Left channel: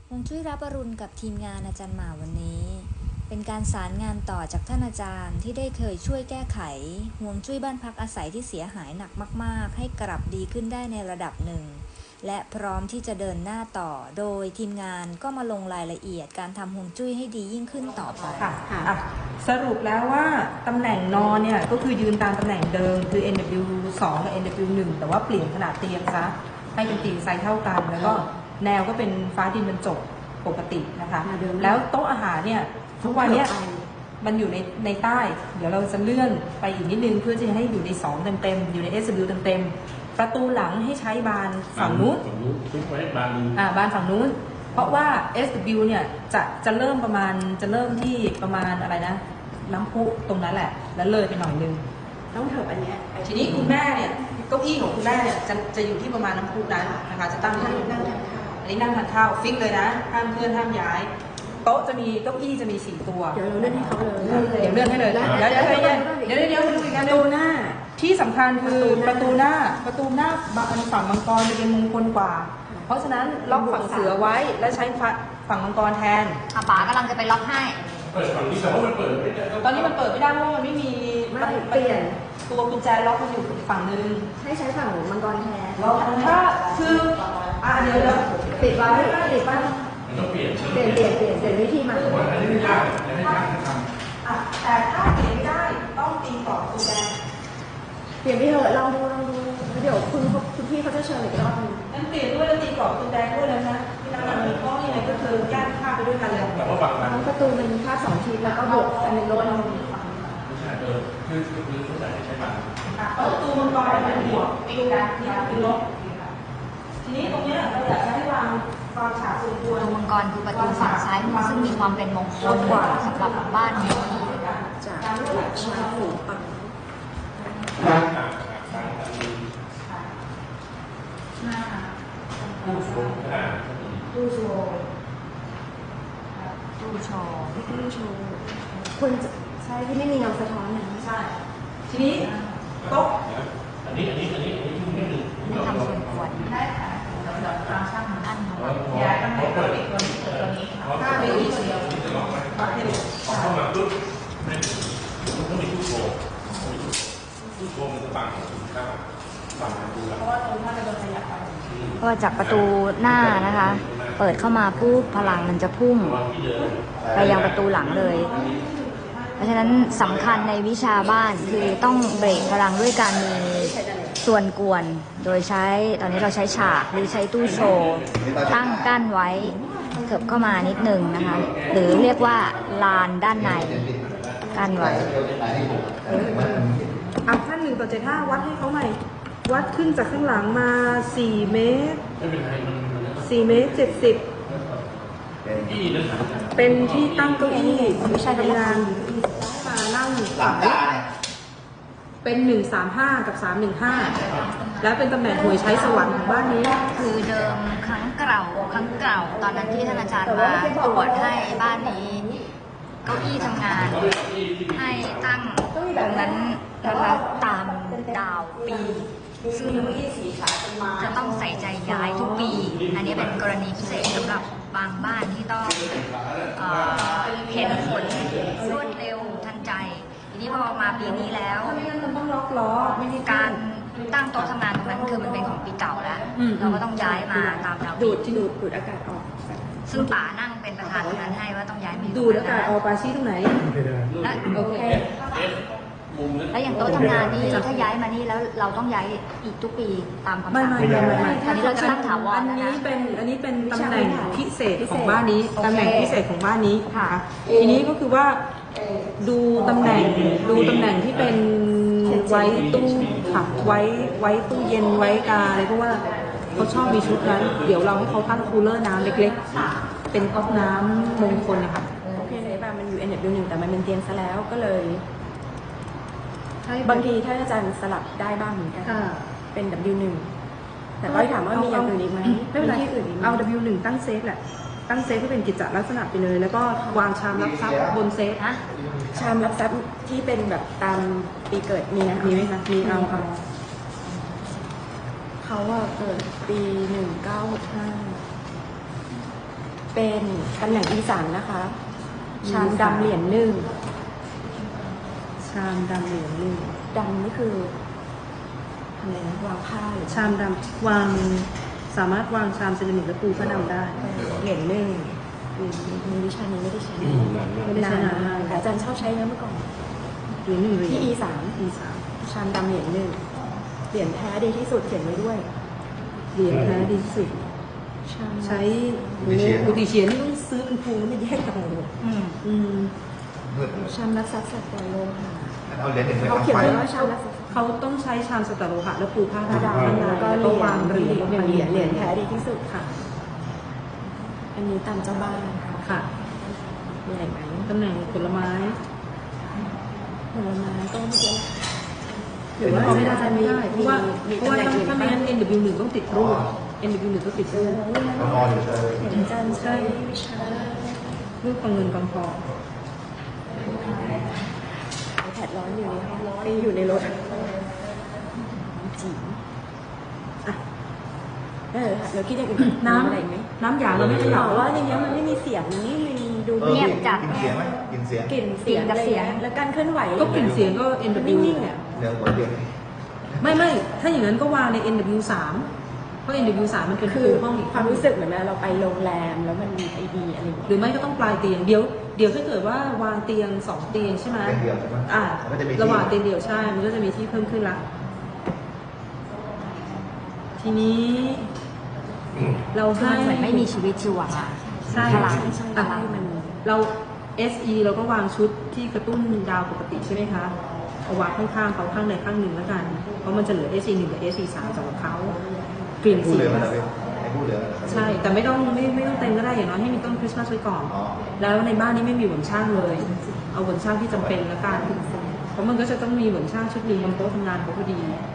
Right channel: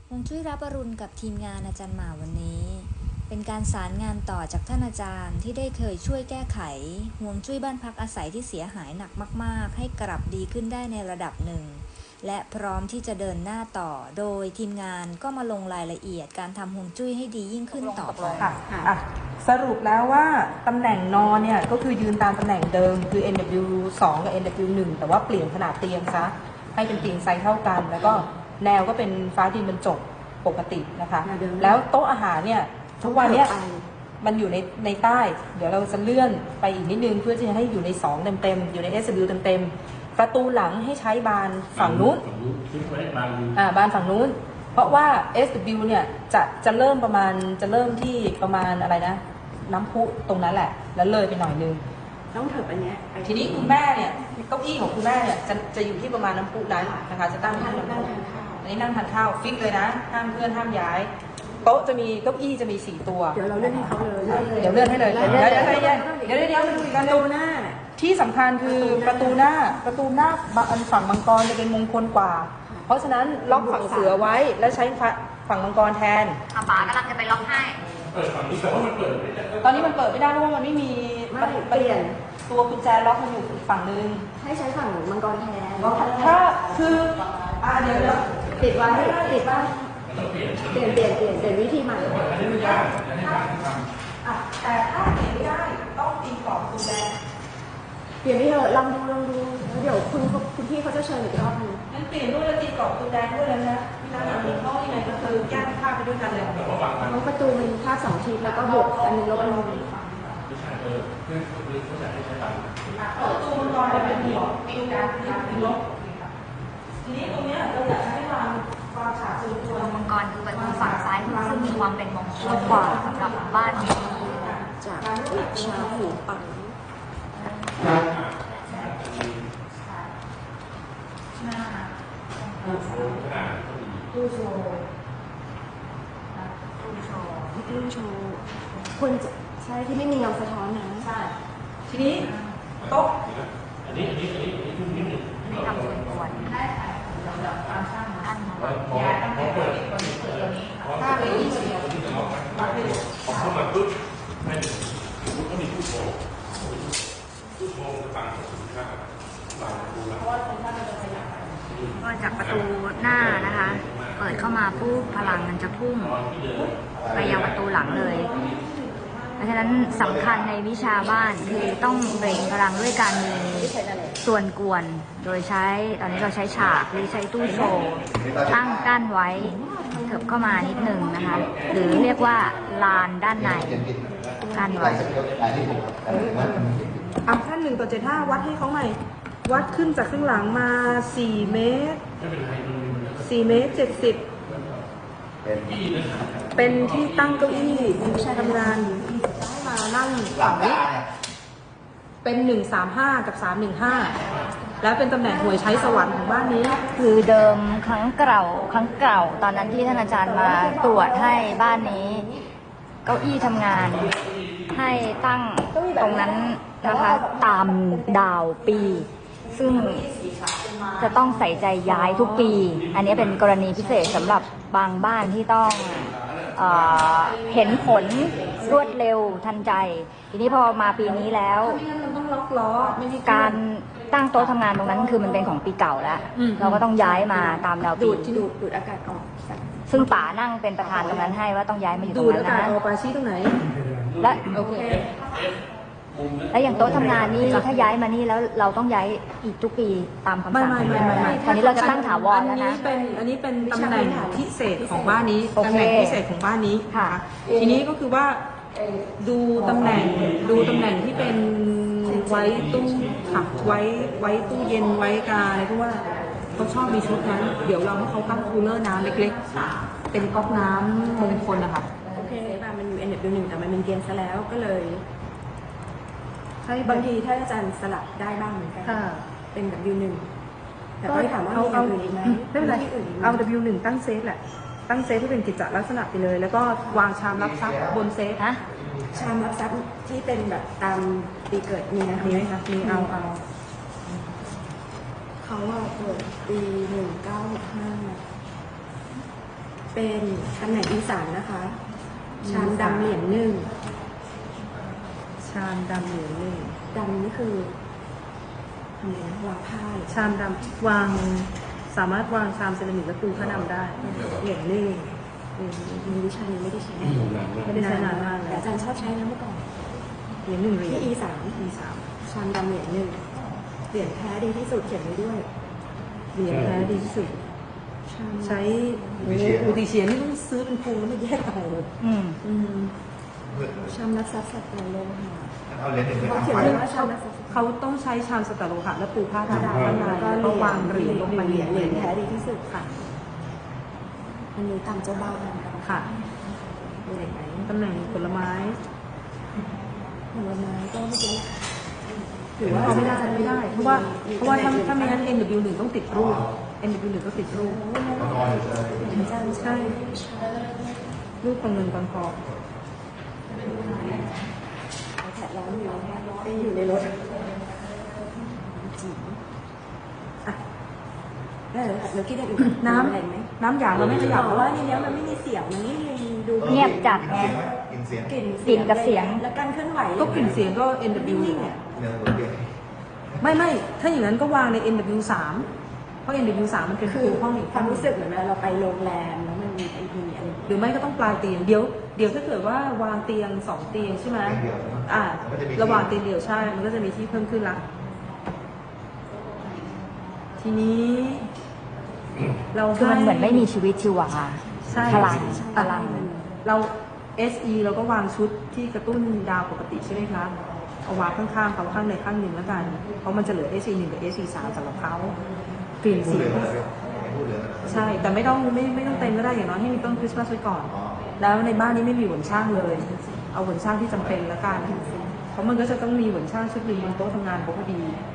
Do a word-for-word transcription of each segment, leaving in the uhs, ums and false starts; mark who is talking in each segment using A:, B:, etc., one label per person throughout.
A: ฮวงจุ้ยรับอรุณกับทีมงานอาจารย์หมาวันนี้เป็นการสารงานต่อจากท่านอาจารย์ที่ได้เคยช่วยแก้ไขฮวงจุ้ยบ้านพักอาศัยที่เสียหายหนักมากๆให้กลับดีขึ้นได้ในระดับหนึ่งและพร้อมที่จะเดินหน้าต่อโดยทีมงานก็มาลงรายละเอียดการทำฮวงจุ้ยให้ดียิ่งขึ้นต่อไป
B: ค่ะอ่ะสรุปแล้วว่าตำแหน่งนอนเนี่ยก็คือยืนตามตำแหน่งเดิมคือ เอ็น ดับเบิลยู สอง กับ เอ็น ดับเบิลยู หนึ่ง แต่ว่าเปลี่ยนขนาดเตียงซะให้เป็นเตียงไซส์เท่ากันแล้วก็แนวก็เป็นฟ้าดินบรรจบปกตินะคะแล้วโต๊ะอาหารเนี่ยทุกวันเนี้ยมันอยู่ในในใต้เดี๋ยวเราจะเลื่อนไปอีกนิดนึงเพื่อจะให้อยู่ในสองเต็มๆอยู่ใน เอส ดับเบิลยู เต็มๆประตูหลังให้ใช้บานฝั่งนู้นอ่าบานฝั่งนู้นเพราะว่า เอส ดับเบิลยู เนี่ยจะจะเริ่มประมาณจะเริ่มที่ประมาณอะไรนะน้ำพุตรงนั้นแหละแล้วเลยไปหน่อยนึง
C: ต้องถูกอันนี้
B: ทีนี้คุณแม่เนี่ยเก้าอี้ของคุณแม่เนี่ยจะจะอยู่ที่ประมาณน้ำพุนั้นนะคะจะตั้งที่นั่งอันนี้นั่งทานข้าวฟิกเลยนะห้ามเพื่อนห้ามย้ายโต๊ะจะมีเก้าอี้จะมีสี่ตัว
C: เดี๋ยวเราเลื่อนให้เขาเลย
B: เดี๋ยวเลื่อนให้เลยเดี๋ยวเดี๋ยวเดี๋ยวเดี๋ยวเดี๋ยวมาดูอีกกัน
C: ประตูหน้า
B: ที่สำคัญคือประตูหน้าประตูหน้าอันฝั่งมังกรจะเป็นมงคลกว่าเพราะฉะนั้นล็อกฝั่งเสือไว้และใช้ฝั่งมังกรแทน
A: อาป๋ากำลังจะไปล็อกให้
D: เปิดฝั่งนี้แต่ว่ามันเปิดไม่ได้
B: ตอนนี้มันเปิดไม่ได้เพราะมันไม่มี
C: ไม่เปลี่ยน
B: ตัวกุญแจล็อกมันอยู่อีกฝั่งนึง
C: ให้ใช้ฝั่งมังกรแทน
B: ถ้าคืออ่าเดี๋ยว
C: ติดบ้านติดบ้าน
D: เปลี่ยน
C: เปลี่ยนเปลี่ยนเปลี่ยนเปลี่ยนวิธีใหม่
B: แต่ถ้าเปลี่ยนไม่ได้ต้องตีต่อกุญแจ
C: เปลี่ยนไม่เถอะลองดูลองดูเดี๋ยวคุณคุณพี่เขาจะเชิญอีกรอบนึง
B: งั้นเปลี่ยนด้วยแล้วตีต่อกุญแจด้วยเลยนะแล้วมันมีข้อยังไงก็คือแยกข้าไปด้วยกันเลย
C: ประตูมันแค่สองทีแล้วก็บวกอันนึงลดลง
D: ไม่ใช่เออคือคือเขาอยากให้ใช้การ
B: ประตูมันกองเป็นหัวเองนะที่เป็นลบทีนี้ตรงนี้เราอยากให้วางวางฉากส่วนตัว
A: มังกรคือประตูฝั่งซ้ายมือซึ่งมีความเป็นมงคลกว่าสำหรับบ้านนี้
C: จากจากชั้นหูปัง
B: ตู้โชว์
A: ตู้โชว์
C: ตู้โชว์คนใช่ที่ไม่มีเงาสะท้อนนะ
B: ใช่ทีนี้โต๊ะ
D: อันนี้อันนี้อันนี้อันนี้ที่นี่
A: ไม่ทำส่วนควร
B: ตามช่าง
A: อันมาหลัง
B: ย้ายตั้งแต่ตัวนี้ตัวนี้ถ้าไปอีกเดียว
D: เข้ามาปุ๊บให้มันต้องมีตู้โชว์ตู้โชว์จะต่างกับข้าวต่างกับดูแล
A: ก็จากประตูหน้านะคะเปิดเข้ามาปุ๊บพลังมันจะพุ่งไปยังประตูหลังเลยเพราะฉะนั้นสำคัญในวิชาบ้านคือต้องเบรกพลังด้วยการมีส่วนกวนโดยใช้ตอนนี้เราใช้ฉากหรือใช้ตู้โชว์ตั้งกั้นไว้เถิบเข้ามานิดนึงนะคะหรือเรียกว่าลานด้านในกั้นไว้
B: เอาแค่หนึ่งต่อเจ็ดห้าวัดให้เขาหน่อยวัดขึ้นจากข้างหลังมาสี่เมตรสี่เมตรเจ็ดสิบเป็นที่ตั้งเก้าอี้วิชาทำงานมานั่งหลังเป็นหนึ่งสามห้ากับสามหนึ่งห้าแล้วเป็นตำแหน่งหวยใช้สวรรค์ของบ้านนี้
A: คือเดิมครั้งเก่าครั้งเก่าตอนนั้นที่ท่านอาจารย์มาตรวจให้บ้านนี้เก้าอี้ทำงานให้ตั้งตรงนั้นนะคะตามดาวปีซึ่งจะต้องใส่ใจย้ายทุกปีอันนี้เป็นกรณีพิเศษสำหรับบางบ้านที่ต้องเอ่อเห็นผลรวดเร็วทันใจทีนี้พอมาปีนี้แล้ว
B: ต้องล็อกล้อไม่มี
A: การตั้งโต๊ะทำงานตรงนั้นคือมันเป็นของปีเก่าแล้วเราก็ต้องย้ายมาตามเรา
C: ดูดดูดดูดอากาศออก
A: ซึ่งป๋านั่งเป็นประธานในนั้นให้ว่าต้องย้ายมา
B: ดูดอากาศออกปาชี้ตรงไหน
A: และโอเคแล้วอย่างโต๊ะทำงานนี่ถ้าย้ายมานี่แล้วเราต้องย้ายอีกทุกปีตาม
B: ไม่ไม่ไม่ไม่ถ้าเราใช้อันนี้เป็นอันนี้เป็นตำแหน่งพิเศษของบ้านนี้ตำแหน่งพิเศษของบ้านนี้นะคะทีนี้ก็คือว่าดูตำแหน่งดูตำแหน่งที่เป็นไว้ตู้ค่ะไว้ไว้ตู้เย็นไว้กาอะไรเพราะว่าเขาชอบมีชุดนั้นเดี๋ยวเราให้เขาตั้งคูลเลอร์น้ำเล็กๆเป็นก๊อกน้ำมงคลนะคะ
C: โอเคแบบมันอยู่ เอ็น ดับเบิลยู หนึ่งแต่มันเป็นเตียงซะแล้วก็เลยบางทีถ้าอาจารย์สลับได้บ้างเหมือนกันเป็น ดับเบิลยู หนึ่งแต่ก็ถามว่ามีอย่างอื่นอีกไหม
B: ไม่เป็นไรเอา ดับเบิลยู หนึ่งตั้งเซฟแหละตั้งเซฟให้เป็นกิจจลักษณะไปเลยแล้วก็วางชามรับทรัพย์บนเซฟ
C: ชามรับทรัพย์ที่เป็นแบบตามปีเกิดมีนะ
B: มีไหมคะมีเอาเอา
C: เขาว่าเกิดปีหนึ่งเก้าหกห้าเป็นตำแหน่งอีสานนะคะ ชามดำเหรียญหนึ่ง
B: ชามดำเหรียญหนึ่ง
C: ดำนี่คือทำไมนะวางผ้าหรือ
B: ชามดำวางสามารถวางชามเซรามิกและปูผ้าดำได้
C: เหรียญหนึ่งอืมในวิชานี้ไม่ได้ใช้
D: อืมนานมาก
B: ไม่ได้ใช้นานมาก
C: แต่อาจารย์ชอบใช้นะเมื่อก่อน
B: เหรียญหนึ่งเหรียญ
C: ที่ อี สาม
B: อีสาม
C: ชามดำเหรียญหนึ่งเหรียญแท้ดีที่สุดเขียนไว้ด้วย
B: เหรียญแท้ดีที่สุด
C: ชาม
B: ใช้บูติเชียนนี่ต้องซื้อเป็นพูแล้วไม่แยกต่างเลย
A: อืม
B: อืม
C: ชามนักซับสัตว์โลหะ
E: เอาเหรียญหนึ่ง
C: เขาเขียนไว้ว่าชามนักซับ
B: เขาต้องใช้ชามสแตนโลหะและปูผ้า
C: ผ้า
B: ดำ
C: ดำ
B: ข้างใน
C: แล้วก็
B: แล้วก็วางเหรียญลงไป
C: เหรียญเหรียญแท้ดีที่สุดค่ะ อันนี้ตามเจ้าบ้าน
B: ค่ะ
C: มีอะไรไหม
B: ตำแหน่งผลไม้
C: ผลไม้ก็ไม่เยอะ
B: หรือว่าเขาไม่ได้ไม่ได้ เพราะว่าเพราะว่าถ้าถ้าไม่งั้น เอ็น ดับเบิลยู หนึ่งต้องติดรูป เอ็น ดับเบิลยู หนึ่งต้องติดรูป
E: นอนอยู่เลย
C: เหมือนอาจารย์ใช้
B: รูปกองเงินกองทอง
C: ไอแพดร้อนอยู่ไปอยู่ในรถจีอ่ะเออเราคิดอย่างอื่น
B: น้
C: มีอะไรไหม
B: ำน้ำหยางเราไม่ขยับ
C: บอกว่าในนี้มันไม่มีเสียงมันนี่มันดู
A: เงียบจัด
E: กินเสียงไหมกินเสียง
C: กลิ่นเสียงอะไรอย่างเงี้ยแล้วการเคลื่อนไหว
B: ก็กลิ่นเสียงก็ เอ็น ดับเบิลยู
C: นิ่งๆอ่ะ
E: เนี่ยตัวเดียว
B: ไม่ไม่ถ้าอย่างนั้นก็วางใน เอ็น ดับเบิลยู สาม เพราะ เอ็น ดับเบิลยู สามมันเป็น
C: คื
B: ปู
C: อ
B: ห้องอีก
C: ความรู้สึกเหมือนเวลาเราไปโรงแรมแล้วมันมีไอดีอะไรอย่าง
B: ห
C: เงี้ย
B: รือไม่ก็ต้องปลายเตียง เดี๋ยวเดี๋ยวถ้าเกิดว่าวางเตียงสองเตียงใช่ไหม
E: เดียวใช่ไหม
B: อ่า
E: มันจะมี
B: ระหว่างเตียงเดี่ยวใช่ มันก็จะมีที่เพิ่มขึ้นละ ทีนี้ เรา
A: คือ
B: ให้
A: มันเหมือนไม่มีชีวิตชีวา
B: ใช่
C: ใช่ใช่
B: อ่ะ
C: ใช่มัน
B: เรา เอส อี เราก็วางชุดที่กระตุ้นดาวปกติใช่ไหมคะ เอาวางข้างๆเขาข้างใดข้างหนึ่งแล้วกัน เพราะมันจะเหลือ เอส อี หนึ่งกับ เอส อี สามสำหรับเขากลิ่น
E: พูด
B: สี
E: เหลือ
B: ก็
E: เลยพูดเหลือเลย
B: ใช่ แต่ไม่ต้องไม่ไม่ต้องเต็มก็ได้ อย่างน้อยให้มีต้นคริสต์มาสไว้ก่อน
E: อ๋อ
B: แล้วในบ้านนี้ไม่มีหวนช่างเลย เอาหวนช่างที่จำเป็นแล้วกันเพราะมันก็จะต้องมีหวนช่างชุดหนึ่งบนโต๊ะทำงานเขาพอดี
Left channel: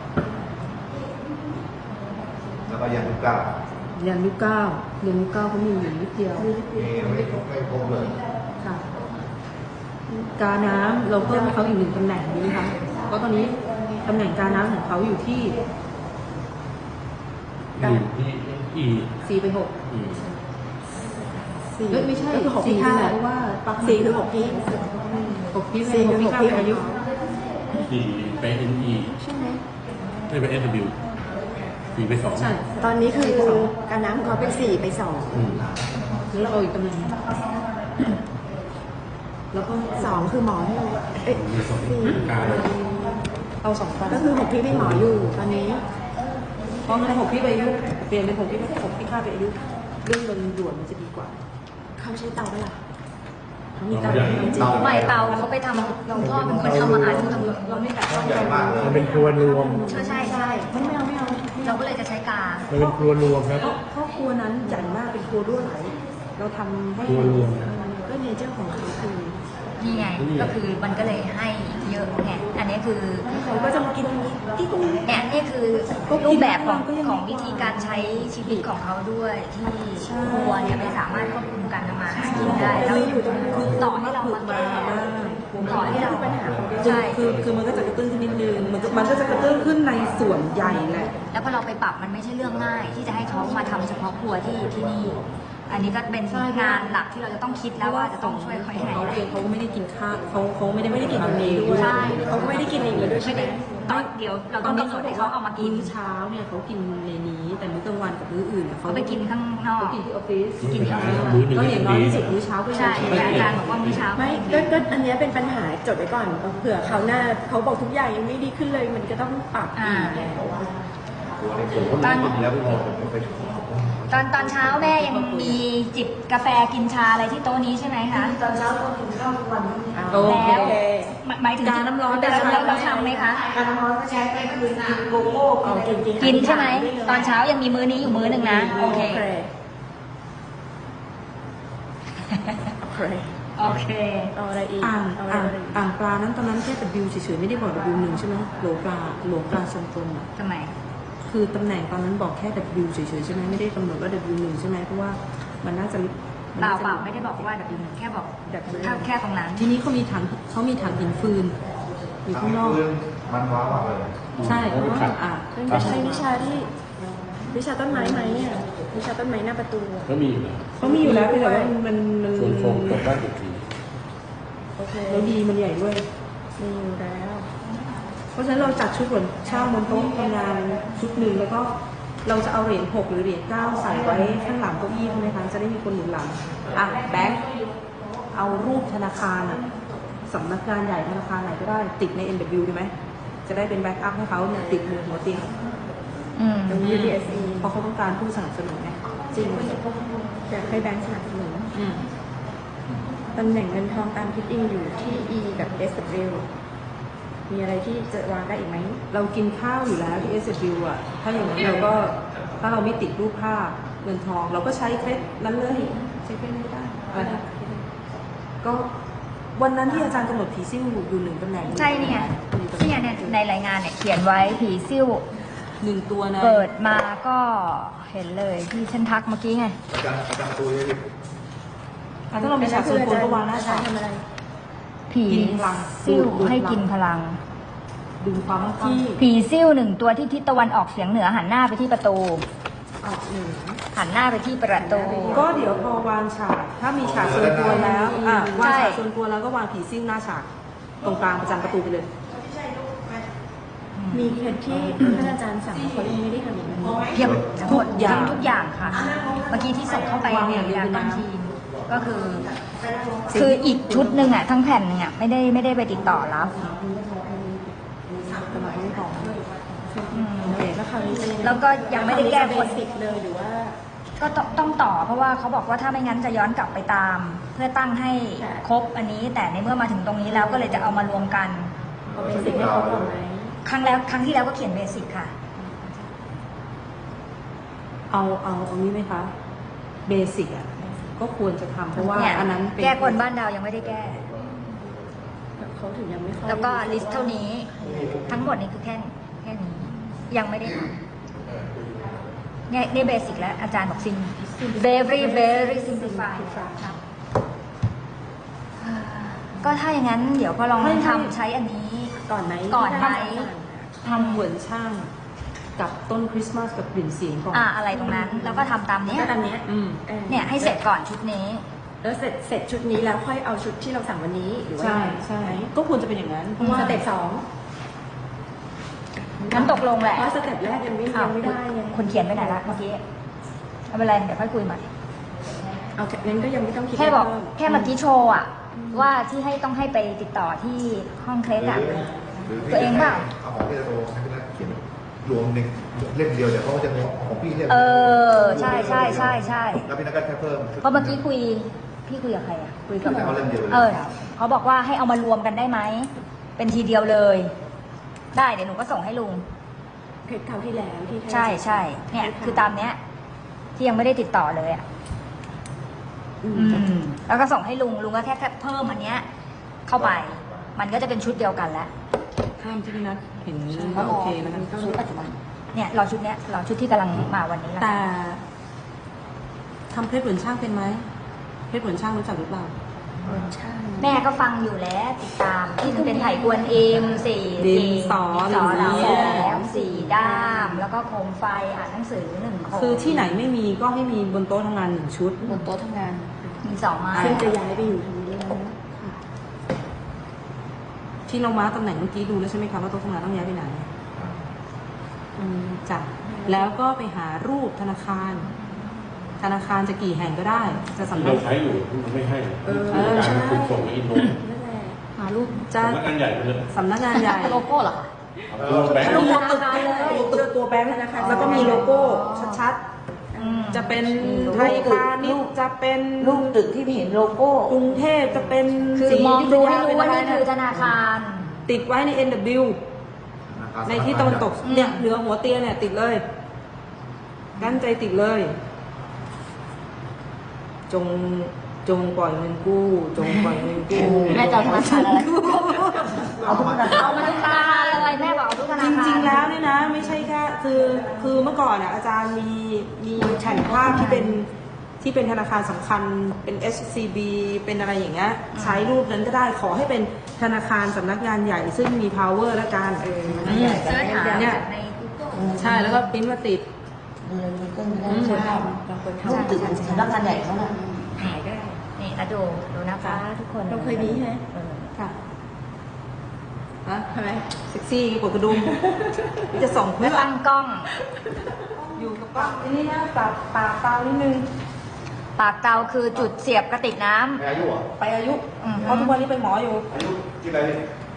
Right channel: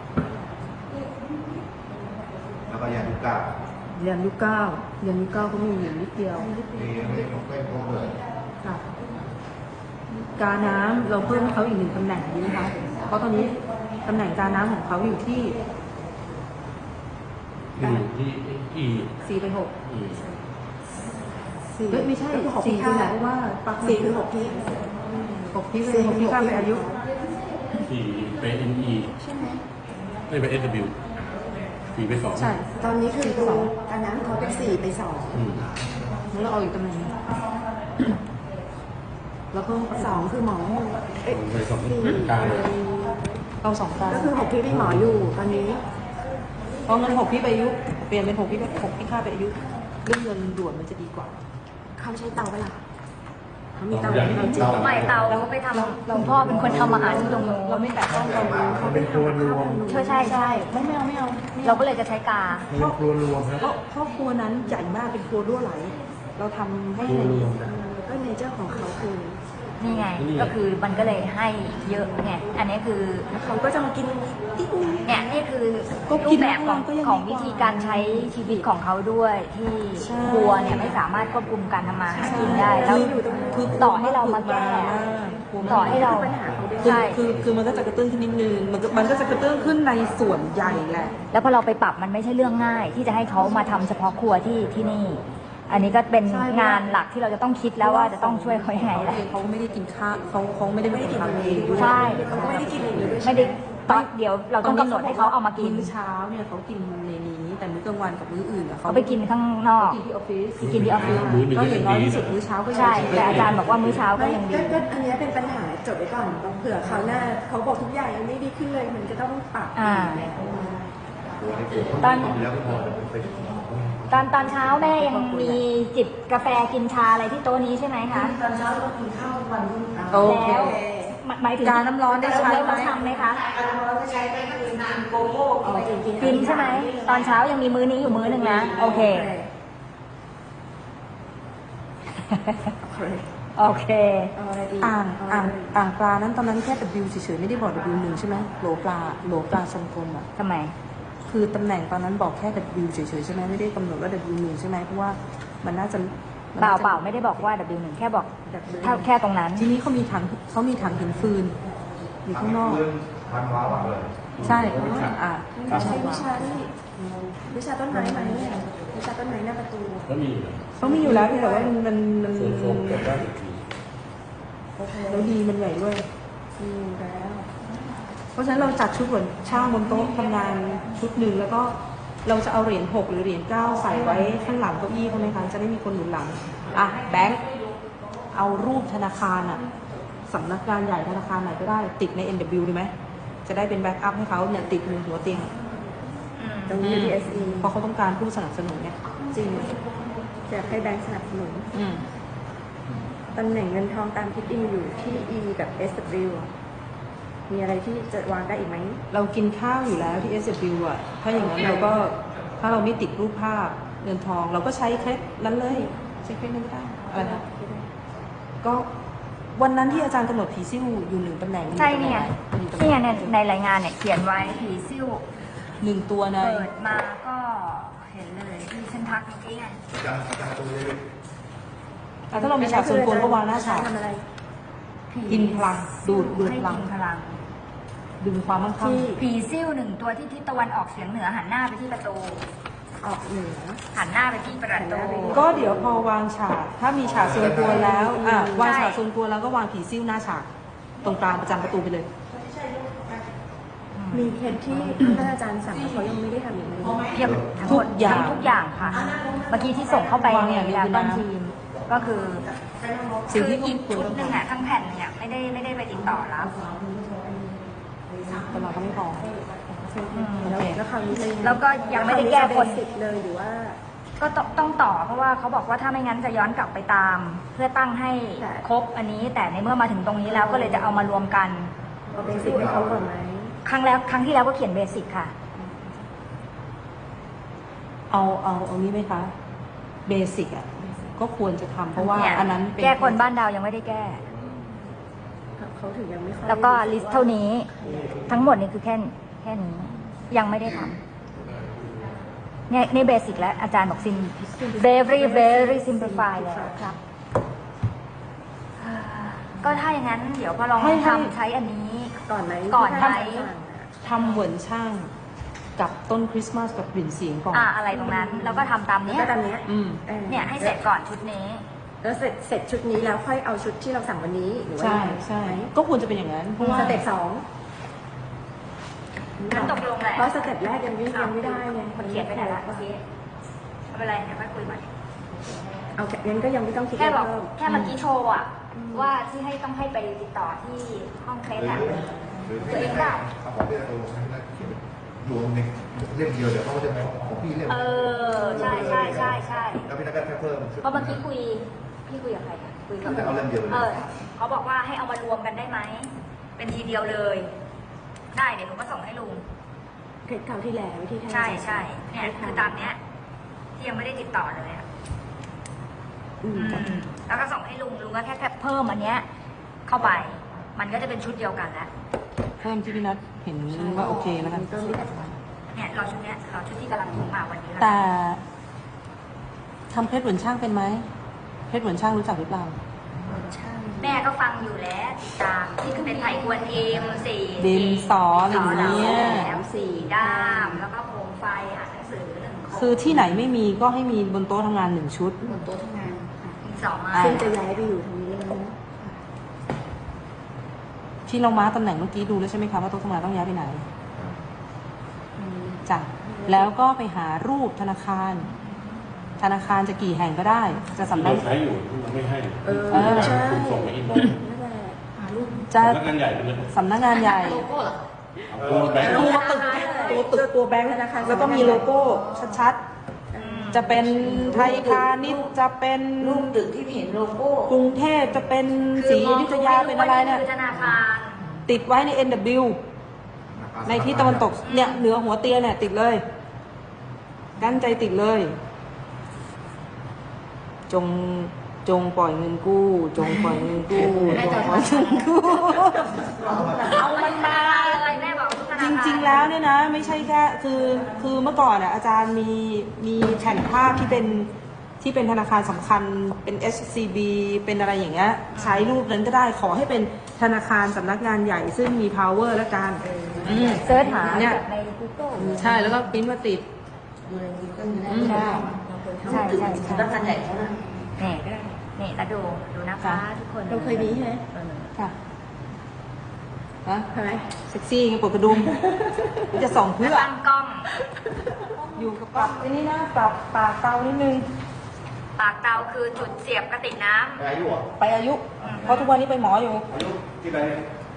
E: แล้วก็ยาลูกก้า
B: เรียนยุคเก้าเรียนยุคเก้าเขามีอยู่นิดเดียว
E: มีไม่ไม่โค้งเลย
B: ค่ะ กาน้ำเราเพิ่มให้เขาอีกหนึ่งตำแหน่งนี้นะคะ เพราะตอนนี้ตำแหน่งกาน้ำของเขาอยู่ที่
D: อีอีอี
B: สี่ไปหก
D: อืม
C: สี่
B: เอ้ยไม่ใช่
C: ก็คือหก
B: สี่
C: ที่
B: ที่
C: ห้า
B: ไหนเพราะว่าปลั๊กมัน
C: สี่คือหกที่
B: หกที่ไป
C: สี่
B: ห
C: คื
B: ก
C: อ
B: ที่
C: หก
B: เก้า
C: ที่
B: ไปอายุ
D: สี่ไปเอ็นอี
C: ใช่ไหม
D: ไม่ไปเอสดับเบิลยูสี่ไปสอง
B: ใช่
C: ตอนนี้คือการน้ำของเขาเป็นสี่ไปสอง
D: อืม
B: แล้วเราเอาอีกตำแหน่งหนึ่งแล้วเพิ่ม
C: สองคือหมอให้เอ้ยสี่
D: การ
B: เอาสองตำ
C: ก็คือหกที่เป็นหมออยู่ตอนนี้
B: เพราะงั้นหกที่ไปอายุเปลี่ยนเป็นหกที่หกที่ห้าไปอายุเรื่องเงินด่วนมันจะดีกว่า
C: เขาใช้เตาไปะล่ะเขามีเตาเตาจริง
A: ไม่เตาเขาไปทำคุณพ่อเป็นคนทำอาหารที่ตรงนู้น
E: ใหญ่มากเลย
F: มันเป็นครัวรวม
A: ใช่ใช่ใช่เราก็เลยจะใช้กา
F: มันเป็นครัวรวมครับ
B: ครอบครัวนั้นใหญ่มากเป็นครัวด้วยไหมเราทำให้
F: ครัวรวม
C: ก็เนเจอร์ของเขาคือ
A: นี่ไง ก็คือมันก็เลยให้เยอะไง อันนี้คือ
C: เขาก็จะมากินที่ตรงนี้
A: เนี่ยนี่คือรูปแบบของของวิธีการใช้ชีวิตของเขาด้วย ที่ครัวเนี่ยไม่สามารถควบคุมการทำมาหากินได้ แล้วต่อให้เรามาต่อให้เรา
C: ปัญหาเขาด้วย
A: ใช่
B: คือคือมันก็จะกระตุ้นขึ้นนิดนึงมันจะมันก็จะกระตุ้นขึ้นในส่วนใหญ่แหละ
A: แล้วพอเราไปปรับมันไม่ใช่เรื่องง่าย ที่จะให้เขามาทำเฉพาะครัวที่ที่นี่ อันนี้ก็เป็นงานหลักที่เราจะต้องคิดแล้วว่าจะต้องช่วยเขายังไง
B: เขาเองเขาไม่ได้กินข้าวเขาเขาไม่ได้
C: ไม่ได้กิน
B: ทำ
C: เอ
B: เอง ง
C: ด้วย
B: ใช่
C: เขาก็ไม่ได้กินเองด้วยใช่
A: ไม่
C: ไหม
A: ได้ตอนเดี๋ยวเราต้องกำหนดให้เขาเอามากิน
B: มื้อเช้าเนี่ยเขากินในนี้ แต่มื้อกลางวันกับมื้ออื่นเนี่ย
A: เขาไปกินข้างนอก
B: เขากินที่ออฟฟิศ
A: กินที่ออฟฟิศ
D: มื้อหนึ่ง
B: ก็
D: ก็
B: อ
D: ยั
B: ย่าง งน้อย
D: ดี
B: ที่สุด
D: นะ
B: มื้อเช้าก็ยัง
A: ใช่
B: ดี
A: อาจารย์บอกว่ามื้อเช้าก็
C: ไม่
A: ยัง
C: ก็
A: ดี
C: ก็อันเนี้ยเป็นปัญหาจดไว้ก่อนก็เผื่อเขาวหน้าเขาบอกทุกอย่างยังไม่ดีขึ้นเลยมันก็ต้องปรับอีกแล้วอะ
E: ตัวให้ผมคนกินแล้วพอผมไป
A: ตอนตอนเช้าแม่ยังมีจิบกาแฟกินชาอะไรที่โต๊ะนี้ใช่ไหมคะ
B: ตอนเช้าก็กินข้าวทุกวัน
C: โอเค
A: แล้วหมายหมายถึง
B: กาน้ำร้อนได้
A: เรา
B: ใช้ไหม
A: เราทำไหมคะ
B: การน้ำร้อนก็ใช้ไปคือกินโกโก้
C: อ๋อกินกิน
A: กินใช่ไหม ตอนเช้ายังมีมื้อนี้อยู่มื้อหนึ่งนะ โอเค
C: โอเค
A: โอเค
C: เอาอะไรอีก
B: อ่าง
C: เอะไร
B: อ่าง
C: อีก
B: อ่างปลานั้นตอนนั้นแค่ W เฉยๆไม่ได้บอก W หนึ่งใช่ไหมโหลปลาโหลปลาทรงกลมอ่ะ
A: ทำไม
B: คือตำแหน่งตอนนั้นบอกแค่ W เฉยๆใช่ไหมไม่ได้กำหนดว่า W หนึ่งใช่ไหมเพราะว่ามันน่าจะมัน
A: เปล่า
B: น่าจะ
A: เปล่าไม่ได้บอกว่าแบบหนึ่งแค่บอก
C: แบบนี้
A: แค่แค่ตรงนั้น
B: ทีนี้เขามีถังเขามีถังหินฟืน อยู่ข้างนอก
E: เรื่องทำว้าวเลย
B: ใช่อ่า
C: นั่นก็ใช้วิชาที่วิชาต้นไม้ไหมเนี่ย
B: ใ
C: วิชาต้นไม้หน้าประตูอะ
D: ก็มีอยู่แล้ว
B: เขามีอยู่แล้วเพียงแต่ว่ามันมันมัน
D: ส่วนโฟมกดได้สิบที
C: โอเค
B: แล้วดีมันใหญ่ด้วย
C: มีอยู่แล้ว
B: เพราะฉะนั้นเราจัดชุดเหมือนช่างบนโต๊ะทำงานชุดหนึ่งแล้วก็เราจะเอาเหรียญหกหรือเหรียญเก้าใส่ไว้ข้างหลังเก้าอี้ใช่ไหมคะจะได้มีคนหนุนหลังอ่ะแบงค์เอารูปธนาคารอ่ะสำนักงานใหญ่ธนาคารไหนก็ได้ติดใน เอ็น ดับเบิลยู ได้ไหมจะได้เป็นแบ็กอัพให้เขาเนี่ยติดมือหัวเตียง
A: อืม
C: ตรงนี้ ยู ดี เอส อี
B: เพราะเขาต้องการผู้สนับสนุนไง
C: จริงอยากให้แบงค์สนับสนุน
B: อืม
C: ตำแหน่งเงินทองตามทิศอิงอยู่ที่ E กับ เอส ดับเบิลยู มีอะไรที่จะวางได้อีกไหม
B: เรากินข้าวอยู่แล้วที่ เอส ดับเบิลยู อ่ะถ้าอย่างนี้เราก็ถ้าเราไม่ติดรูปภาพเงินทอง เราก็ใช้เคล็ดนั้นเลยใช้เคล็ดนี้ก็ได้เอาละก็วันนั้นที่อาจารย์กำหนดผีซิ่วอยู่หนึ่งตำแหน่ง
A: ใช่นี่ไงซึ่งในในรายงานเนี่ยเขียนไว้ผีซิ่ว
B: หนึ่งตัวนะ
A: เปิดมาก็เห็นเลยที่ฉันทักเมื่อกี้ไง
E: อาจารย์อาจารย์ตัวนี้
B: อ่ะถ้าเรามีฉากส่วนตัวก็วางหน้า
C: อาจา
B: ฉาร ก
C: ย์ทำอะไร
A: ผี
B: กินพลัง
A: ซิ่ว
B: ดูด
A: ให้
B: พลัง
A: กินพลัง
B: ดึงความมั่นคง
C: ที่
A: ผีซิ่วหนึ่งตัวที่ทิศตะวันออกเฉียงเหนือหันหน้าไปที่ประตู
C: ออกเหนือ
A: หันหน้าไปที่ประตู
C: หันหน้าไปที่
B: ก็เดี๋ยวพอวางฉากถ้ามีฉากส่วนตัวแล้วอ่ะวาง
A: ใช่
B: ฉากส่วนตัวแล้วก็วางผีซิ่วหน้าฉากตรงกลางประจำประตูไปเลย
C: มีเคสที่ท่านอาจารย์สั่งแล้วเขายังไม่ได้ทำอีกไหม
A: เพียบทั้งหมด
B: ทุกอย่าง
A: ทั้งทุกอย่างค่ะ เมื่อกี้ที่ส่งเข้าไปในดาก้อนทีมก็คือ คืออีกชุดหนึ่งอ่ะทั้งแผ่นเนี่ยไม่ได้ไม่ได้ไปติดต่อรับอืม
C: แล้วแล้วคราวนี้จะยังไง
A: แล้วก็ยังไม่ได้แก้คน
C: สิทธิ์เลยหรือว่า
A: ก็ต้องต้องต่อเพราะว่าเขาบอกว่าถ้าไม่งั้นจะย้อนกลับไปตาม เพื่อตั้งให้
C: แต่
A: ครบอันนี้ แต่ในเมื่อมาถึงตรงนี้แล้วก็เลยจะเอามารวมกัน
C: เอาเบสิกให้เขาก่อนไหม
A: ครั้งแล้วครั้งที่แล้วก็เขียนเบสิกค่ะ
B: เอาเอาตรงนี้ไหมคะเบสิกอ่ะก็ควรจะทำเพราะว่า
A: เนี่ย
B: อันนั้นเป็น
A: แก้คนบ้านดาวยังไม่ได้แก้
C: เขาถึงยังไม่ค่อย
A: แล้วก็ลิสต์เท่านี้ ทั้งหมดนี่คือแค่แค่นี้ ยังไม่ได้ทำเนี่ยในเบสิกแล้วอาจารย์บอกซิม very very simplify แล้วครับอ่าก็ถ้าอย่างนั้นเดี๋ยวก็ลองทำใช้อันนี้
C: ก่อนไหม
A: ก่อนไหม
C: ที่ท่านอาจารย์สั่งอะ
B: ทำเหมือนช่างกับต้นคริสต์มาสกับกลิ่นเสียงก่อน
A: อ่าอะไรตรงนั้น แล้วก็ทำตาม
C: แล้ว
A: เนี้ย
C: ก็ตามเนี้ย
B: อืม
C: ออ
A: เนี่ยให้เสร็จก่อนชุดนี้
C: แล้วเสร็จเสร็จชุดนี้แล้วค่อยเอาชุดที่เราสั่งวันนี้หรือว่า
B: ใช่
C: ยังไง
B: ใช่
C: ไหม
B: ก็ควรจะเป็นอย่างนั้นเพราะว่า
C: สเต็ปสอง
A: งั้นตกลงแหละ
C: เพราะสเต็ปแรกยังไม่ยังไม่ได้ไง
A: คุณเขียนไว้ไหนละเมื่อกี้ไม่เป็นไรเดี๋ยวค่อยคุยใหม่
C: เอาแค่งั้นก็ยังไม่ต้องคิด
A: แค่บอก
C: เพิ่ม
A: แค่เมื่อกี้โชว์อะว่าที่ให้ต้องให้ไปติดต่อที่ห้องเคส
E: หรือ
A: อะ
E: หรือ
A: ตัวเองเปล่า
E: เอาของพี่จะโทรให้พี่นักเขียนรวมหนึ่งเล่มเดียวเดี๋ยวเขาก็จะเอาของพี่เล่ม
A: เออใช่ใช่ใช่ใช่
E: แล้วพี่นักก็แค่เพิ่ม
A: เพราะเมื่อกี้คุยพี่คุยกับใครอะคุยกับ
E: คือจะเอาเล่มเดียวเลย
A: เออเขาบอกว่าให้เอามารวมกันได้ไหมเป็นทีเดียวเลย ได้เดี๋ยวหนูก็ส่งให้ลุง
C: เคสคราวที่แล้วที่ท่าน
A: ใช่ใช่
C: อา
A: เนี่ย
C: จาร
A: คือตามเนี้ย ที่ยังไม่ได้ติดต่อเลยอะ
C: อืม
A: อืมแล้วก็ส่งให้ลุงลุงก็แค่แค่เพิ่มอันเนี้ย เข้าไป มันก็จะเป็นชุดเดียวกันแล้ว
B: เพิ่มที่พี่นัทเห็นว่าโอเคนะ
C: ก็ไม่
A: เนี่ยรอชุดเนี้ยรอชุดที่กำลังมาวันนี้แหละ
B: แต่ทำเพชรเหมือนช่างเป็นไหมเพชรเหมือนช่างรู้จักหรือเปล่า
A: แม่ก็ฟังอยู่แล้วติดตามที่คือเป็นไถ่กวนเอ็มสี่
B: ดินสออะไร
A: ส
B: อ
A: อย่าง หลัง
B: เงี้ย
A: แหลมสี่ด้าม แล้วก็โคมไฟอ่านหนังสือหนึ่งโคม
B: คือที่ไหนไม่มีก็ให้มีบนโต๊ะทำงานหนึ่งชุด
C: บนโต๊ะทำงาน
A: มีสองไม้
C: ซึ่งจะย้ายไปอยู่ตรงนี้แล้วนะ
B: ที่เรามาร์คตำแหน่งเมื่อกี้ดูแล้วใช่ไหมคะว่าโต๊ะทำงานต้องย้ายไปไหน
C: อืม
B: จ้ะแล้วก็ไปหารูปธนาคาร ธนาคารจะกี่แห่งก็ได้ จะสำ
D: ที่
B: นั
D: เรา
B: ก
D: ใช้อยู่ที่มันไม่ให้
C: เออ
D: ที่การ
C: ใช่
D: คุมส่งมาอินโน
C: นั่นแหละ
B: หารูปจะ
D: สำนักงานใหญ่ไปเลย
B: สำนักงานใหญ่
A: โลโก้เหรอ
D: เอาตัวแบงค์
B: มีตัวตึกตัวแบงค์แล้วก็มีโลโก้ชัดๆ จะเป็นไทยพาณิชย์จะเป็น
A: รูปตึกที่มีโลโก้
B: กรุงเทพจะเป็น
A: คือ
B: ศรี
A: มอง
B: อยุธ
A: ดู
B: ยา
A: ให้
B: เป็น
A: รู้ว่า
B: อะไร
A: นี่
B: เนี่ย
A: คือธนาคาร
B: ติดไว้ใน เอ็น ดับเบิลยู ในที่ตะวันตกเนี่ยเหนือหัวเตียงเนี่ยติดเลยตั้งใจติดเลย จงจงปล่อยเงินกู้ จงปล่อยเงินกู้
A: แม่จะเอาธนาคารอะไร
E: เอามา
A: เอามาธนาคารอะไรแม่บอกเอาทุกธนา
B: จ
A: คาร
B: ริงๆแล้วเนี่ยนะไม่ใช่แค่คือคือเมื่อก่อนอ่ะอาจารย์มีมีแผ่นภาพที่เป็นที่เป็นธนาคารสำคัญเป็น เอช ซี บี เป็นอะไรอย่างเงี้ยใช้รูปนั้นก็ได้ขอให้เป็นธนาคารสำนักงานใหญ่ ซึ่งมี power และการอืม
A: เสิร์ชหา
B: เนี่ย
A: ใน Google
B: ใช่แล้วก็ปริ้นมาติดดูในกูเกิลได้
C: อืม
B: ใช่
C: ทำเราเคยทำตึกสำนักงานใหญ่เขาน่ะ
A: นี่นี่แล้วดูดูนะคะทุกคน
C: เราเคยมีใช่ไหม
A: เออ
B: ค่ะฮะ
C: ทำไม
B: เซ็กซี่กว่ากระดุมจะส่องเพื่
A: แล้
B: อ
A: วตั้งกล้อง
B: อยู่กับปากนี่นะปากปากเตานิดนึง
A: ปากเตาคือจุดเสียบกระติกน้ำ
E: อายุเหรอ
B: ไปอายุ เพราะทุกวันนี้ไปหมออยู่
E: อายุที่ไหน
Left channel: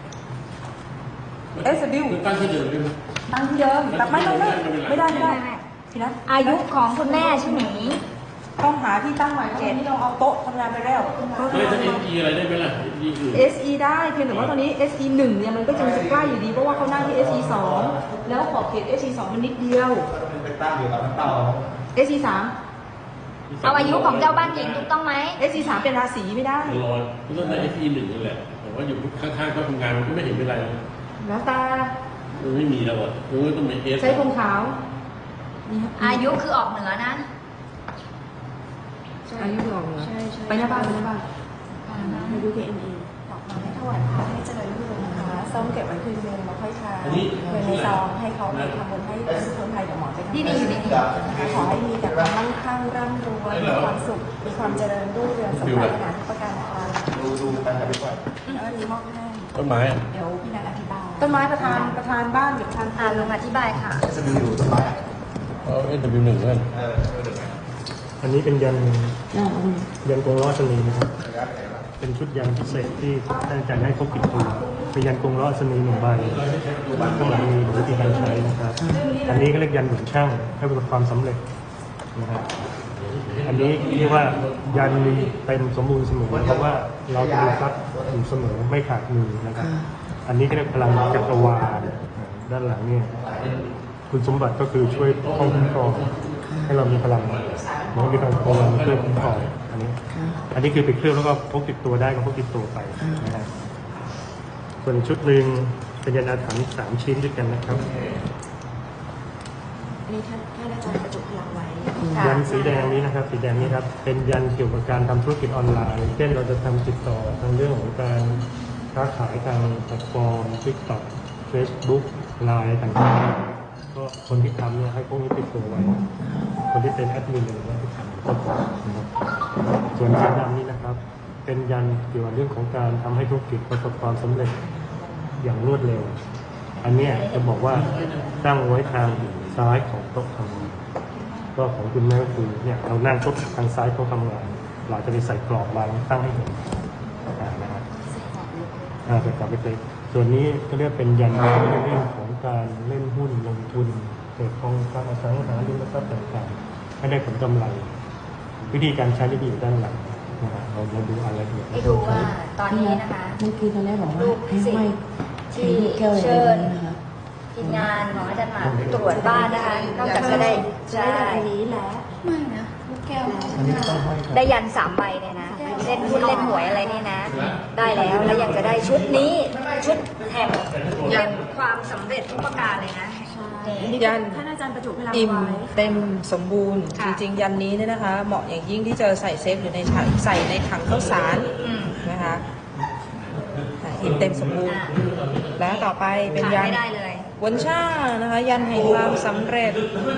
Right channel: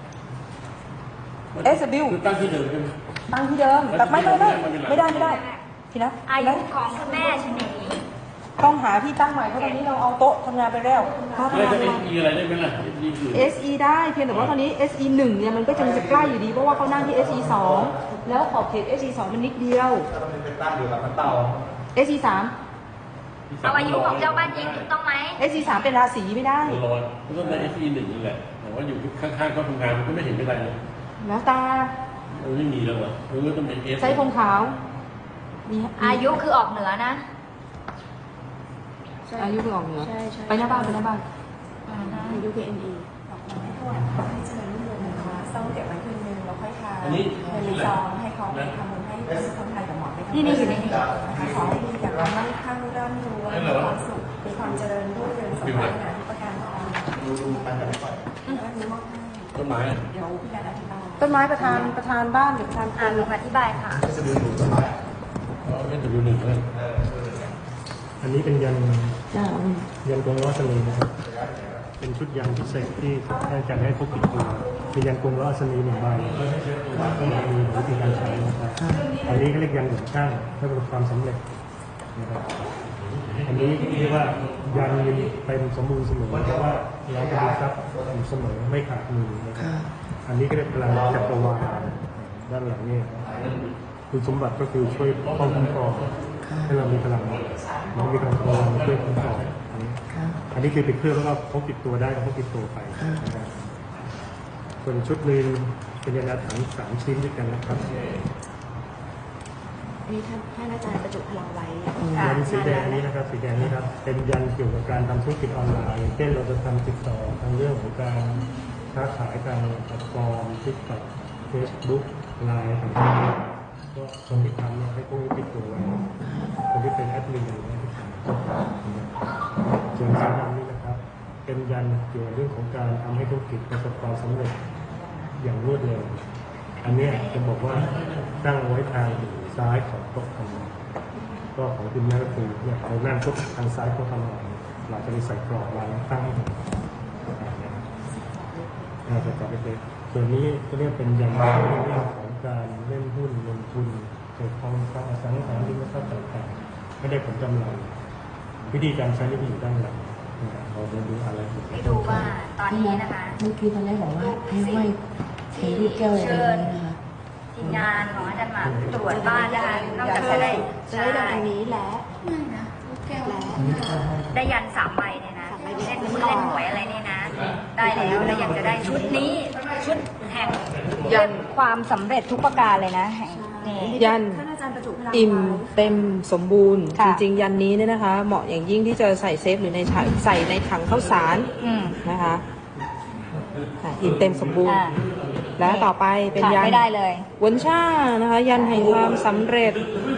B: เอสบิว
F: คือตั้งที่เดิมใช่ไหม
B: ตั้งที่เดิมแต่ไม่ได้ไม่ได้ไม่ได้พี่นะ
A: อายุของคุณแม่ชนี
B: ต้องหาที่ตั้งใหม่เพราะตอนนี้เราเอาโต๊ะทำงานไปแล้ว
F: ไม่ถ้าเอ็นอีอะไรได้ไหมล่ะเอ็นอีอื่น
B: เอส อี ได้เพียงแต่ว่าตอนนี้ เอส อี หนึ่งเนี่ยมันก็ยังจะใกล้อยู่ดีเพราะว่าข้างหน้าที่ เอส อี สองแล้วขอบเขต เอส อี สองมันนิดเดียว
E: ก็ต้องเป็นตั้งอยู่กับน้ำเต้า
B: เอส อี สาม
A: เอาอายุของเจ้าบ้านจริงถูกต้องไหม
B: เอส อี สามเป็นราศีไม่ได้
F: ร้อนเรื่องในเอฟีหนึ่งนี่แหละ แต่ว่าอยู่ข้างๆเขาทำงานมันก็ไม่เห็นเป็นไรนะ
B: แล้วตา
F: มันไม่มีแล้วอ่ะมันก็ต้องมีเอส
B: ใช้คนขาวนี่ครับ
A: อายุคือออกเหนือนะ
C: ใช่
B: อายุคือออกเหนือ
C: ใช่ใช่
B: ไปหน้าบ้านไปหน้าบ้าน
C: อายุ เค เอ็น เอ
G: บอกน้องให้ถวายพระให้เจริญรุ่งเรืองนะคะส้มเก็บไว้คืนนึงแล้วค่อยทานเงินในซองให้เขาไปทำบุญให้ทุกคนไทยกับหมอไปทำบุญนะคะขอให้มีแต่ความมั่งคั่งร่ำรวยมีความสุข มีความเจริญรุ่งเรืองสมปรารถนาทุกประการนะคะ
E: ดูดูกันไปไป
G: แล้วอันนี้มอบให้
F: ต้นไม้
G: เดี๋ยวพี่นันอธิบาย
B: ต้นไม้ประธานประธานบ้านหรือประธาน
A: อ่าลุงอธิบายค่ะ
F: เออเอ็นหนึ่งนั่น
H: อันนี้เป็นยัน
C: อ่าอืม
H: ยันกงล้อสนีนะครับ เป็นชุดยันพิเศษที่ท่านอาจารย์ให้พกติดตัวคือยันกงล้อสนีหนึ่งใบข้างหลังมีวิธีการใช้นะครับ อันนี้ก็เรียกยันหนุนช่างให้ประสบความสำเร็จนะครับ อันนี้เรียกว่ายันมีเป็นสมบูรณ์เสมอเพราะว่าเราจะมีทรัพย์อยู่เสมอไม่ขาดมือนะครับ อันนี้ก็เรียกพลังจักรวาลด้านหลังเนี่ยคุณสมบัติก็คือช่วยป้องคุ้มครองให้เรามีพลังมันมีพลังจักรวาลมาช่วยคุ้มครองอันนี้ อันนี้คือไปเครื่องแล้วก็พกติดตัวได้ก็พกติดตัวไปนะครับส่วนชุดหนึ่งเป็นยันอาถรรพ์สามชิ้นด้วยกันนะครับ
G: มีท่านท่านอาจารย์ประจุพลังไว้
H: ยันสีแดงนี้นะครับ สีแดงนี้ครับเป็นยันเกี่ยวกับการทำธุรกิจออนไลน์เช่นเราจะทำติดต่อทางเรื่องของการค้าขายทางแพลตฟอร์ม TikTok Facebook ไลน์ต่างๆก็คนที่ทำเนี่ยให้พวกนี้ติดตัวไว้คนที่เป็นแอดมินอะไรเนี่ยที่ทำก็พอนะครับส่วนสีดำนี้นะครับ เป็นยันเกี่ยวกับเรื่องของการทำให้ธุรกิจประสบความสำเร็จอย่างรวดเร็ว อันเนี้ยจะบอกว่าตั้งไว้ทางซ้ายของโต๊ะทำงานก็ของคุณแม่ก็คือเนี่ยเรานั่งปุ๊บทางซ้ายโต๊ะทำงานเราจะไปใส่กรอบวางตั้งให้เห็นนะครับอ่าเป็นกรอบเล็กๆส่วนนี้ก็เรียกเป็นยันในเรื่องของการเล่นหุ้นลงทุนเกิดทองคำอสังหาริมทรัพย์ต่างๆให้ได้ผลกำไร วิธีการใช้ที่อยู่ด้านหลังนะครับเราจะดูอะไรอีก
A: ให้ดูว่าตอนนี้นะคะ
C: เมื่อกี้ตอนแรกบอกว่าให้ห้อยใช้ลูกแก้วอะไรแบบนี้นะคะ
A: ทีมงานหมอจะมาตรวจบ้านนะคะนอกจากจะได้
G: จะได้ดังอันนี้แหละไม่นะลูกแก้ว
A: ได้ยันสามใบเนี่ยนะเล่นหุ้นเล่นหวยอะไรเนี่ยนะ ได้แล้วแล้วยังจะได้ชุดนี้ชุดแห่งเรียกความสำเร็จทุกประการเลยนะนี่
B: ยัน
G: ท่านอาจารย์ประจุพลัง
B: อิ่ม
G: ไว้
B: เต็มสมบูรณ์
A: ค่ะ
B: จริงๆยันนี้เนี่ยนะคะ เหมาะอย่างยิ่งที่จะใส่เซฟหรือในถังใส่ในถังข้าวสาร
A: อืม
B: นะคะอ่ะอิ่มเต็มสมบูรณ์
A: อ่า
B: แล้วต่อไปเป็น
A: ขาด
B: ยัน
A: ไม่ได้เลย
B: วนช่านะคะ ยันแห่งความสำเร็จ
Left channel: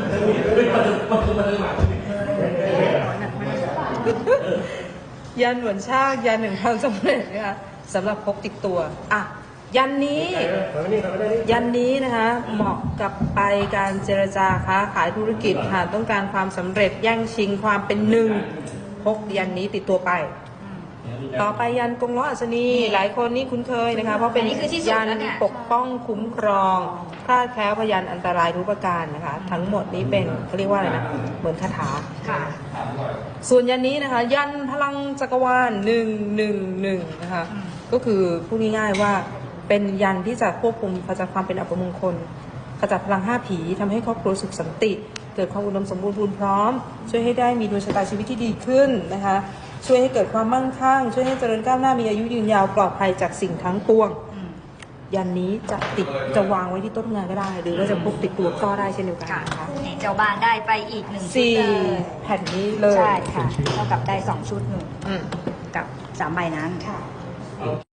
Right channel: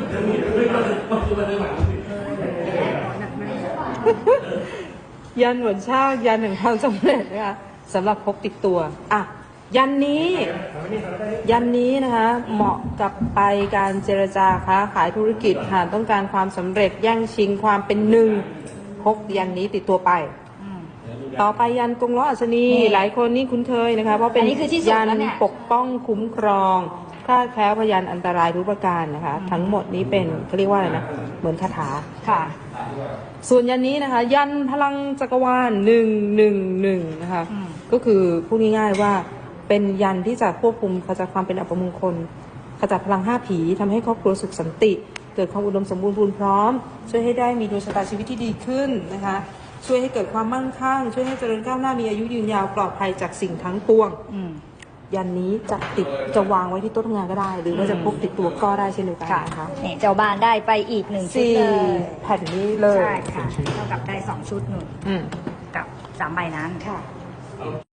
B: ยันหวนชาติยันแห่งความสำเร็จนะคะสำหรับพกติดตัวอ่ะยันนี้ ยันนี้นะคะเหมาะกับไปการเจรจาค้าขายธุรกิจหากต้องการความสำเร็จแย่งชิงความเป็นหนึ่งพกยันนี้ติดตัวไป ต่อไปยันกงล้ออัศนีหลายคนนี่คุ้นเคยนะคะเพราะเป็น
A: อันนี้คือที่สุด
B: ยั
A: แล้วเนี่ย
B: ปกป้องคุ้มครองคลาดแคล้วพยานอันตรายทุกประการนะคะ ทั้งหมดนี้เป็นเขาเรียกว่าอะไรนะเหมือนคาถา
A: ค่ะ
B: ส่วนยันนี้นะคะ ยันพลังจักรวาลหนึ่งหนึ่งหนึ่งนะคะ
A: อืม
B: ก็คือพูดง่ายๆว่าเป็นยันที่จะควบคุมขจัดความเป็นอัปมงคลขจัดพลังห้าผีทำให้ครอบครัวสุขสันติ เกิดความอุดมสมบูรณ์พูนพร้อม ช่วยให้ได้มีดวงชะตาชีวิตที่ดีขึ้นนะคะ ช่วยให้เกิดความมั่งคั่ง ช่วยให้เจริญก้าวหน้ามีอายุยืนยาวปลอดภัยจากสิ่งทั้งปวง
A: อืม
B: ยันนี้จะติดจะวางไว้ที่โต๊ะทำงานก็ได้ หรือว่าจะพกติดตัวก็ได้เช่นเดียวกัน
A: ค่ะ
B: นะคะ
A: นี่เจ้าบ้านได้ไปอีกหนึ่งชุด
B: สี่
A: เลย
B: แผ่นนี้เลย
A: ใช่ค่ะ เท่ากับได้สองชุดหนึ่ง
B: อืม
A: กับสามใบนั้น